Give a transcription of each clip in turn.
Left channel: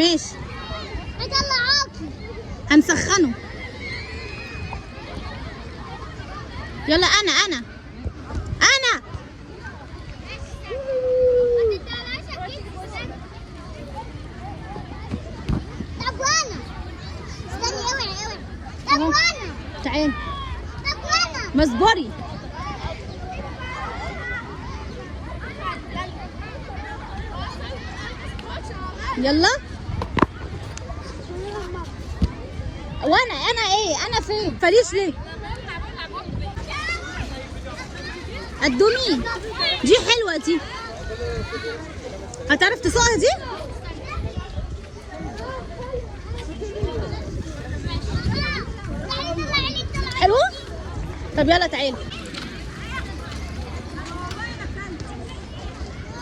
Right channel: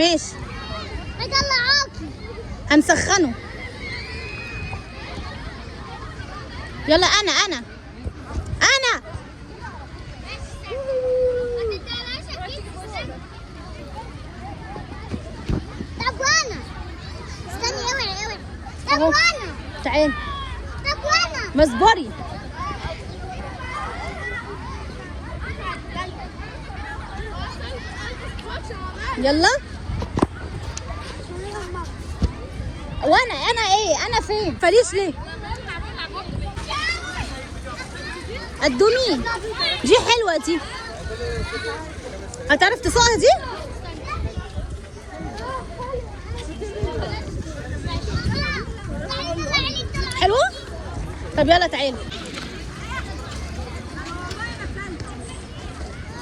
ماشي. بطلعوكي. هنسخنه. يلا انا طب وانا استني اوعي. طب وانا. تعالي. طب وانا. ما اصبري. يلا. وانا ايه؟ انا فين؟ فريش ليه؟ قدوني. دي حلوه دي. هتعرف تسوقها دي؟ حلوه؟ طب يلا تعالي.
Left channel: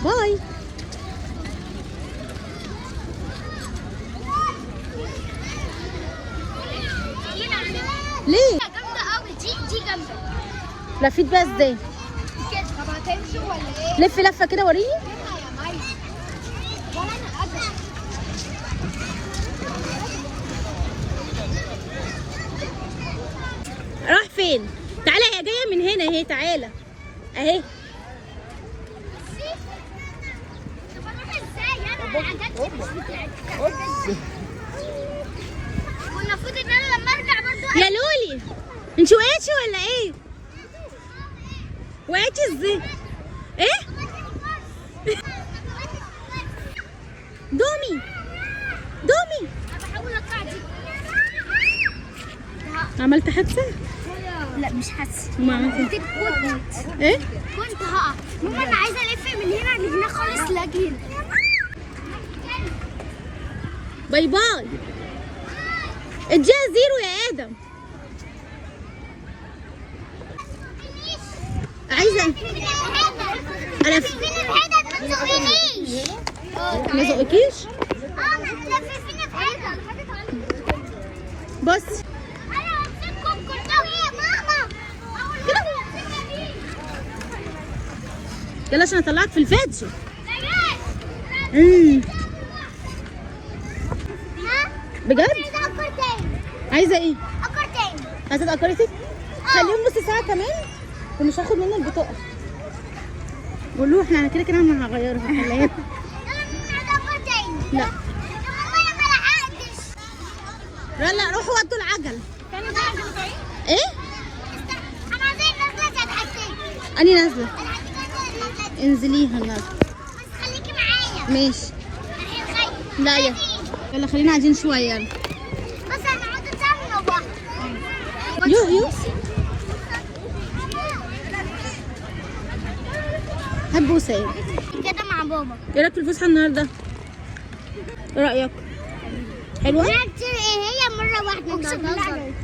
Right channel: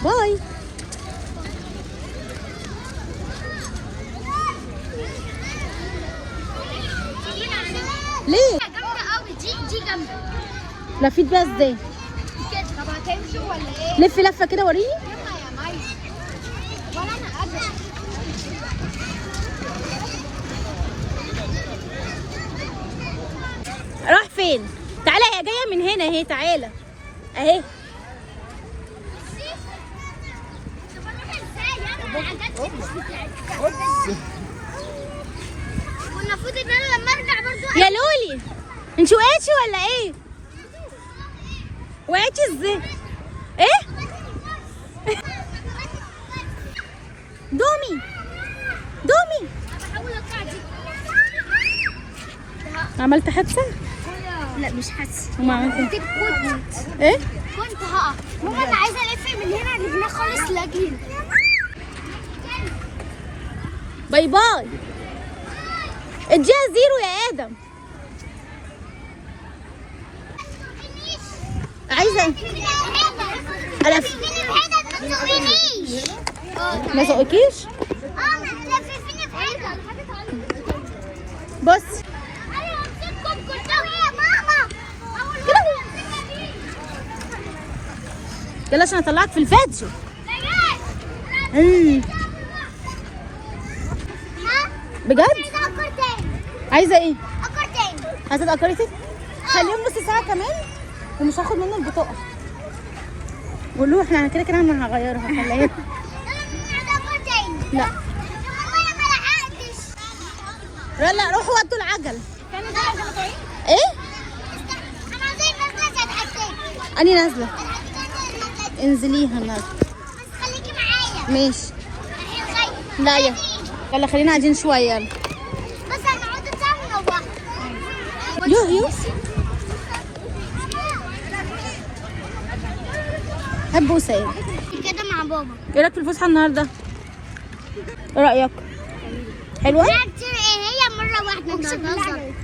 باي. ليه؟ جامدة قوي دي جامدة. لفيت بقى ازاي؟ كده. لفي لفه كده وريني. راح فين؟ تعالى، هي جايه من هنا اهي. تعالى اهي. والمفروض ان انا لما ارجع برضو. يا لولي انت وقعتي ولا ايه؟ وقعتي ازاي؟ ايه؟ دومي. بحاول اطلع دي. عملت حادثه؟ لا مش حاسه. وما عملت كنت ايه؟ كنت هقع. ماما انا عايزه الف من هنا لهنا خالص لاجي هنا. باي باي. اديها زيرو يا ادم. عايزه انا ما زقكيش؟ بص يلا عشان اطلعك في الفاتشو. بجد؟ عايزه ايه؟ عايزه اكرتك؟ خليهم نص ساعه كمان ومش هاخد منه البطاقه. قول له احنا كده انا هغيرها. خليها. لا لا روحوا ودوا العجل. ايه؟ اني نازله. انزليها نازله. بس خليكي معايا. ماشي. لا يلا خلينا قاعدين شويه. يلا بس هنقعد نتعامل بقى. يو هات بوسه. كده مع بابا. ايه رايك في الفسحه النهارده؟ ايه رايك؟ حلوه؟ هي مره واحده. اقسم بالله.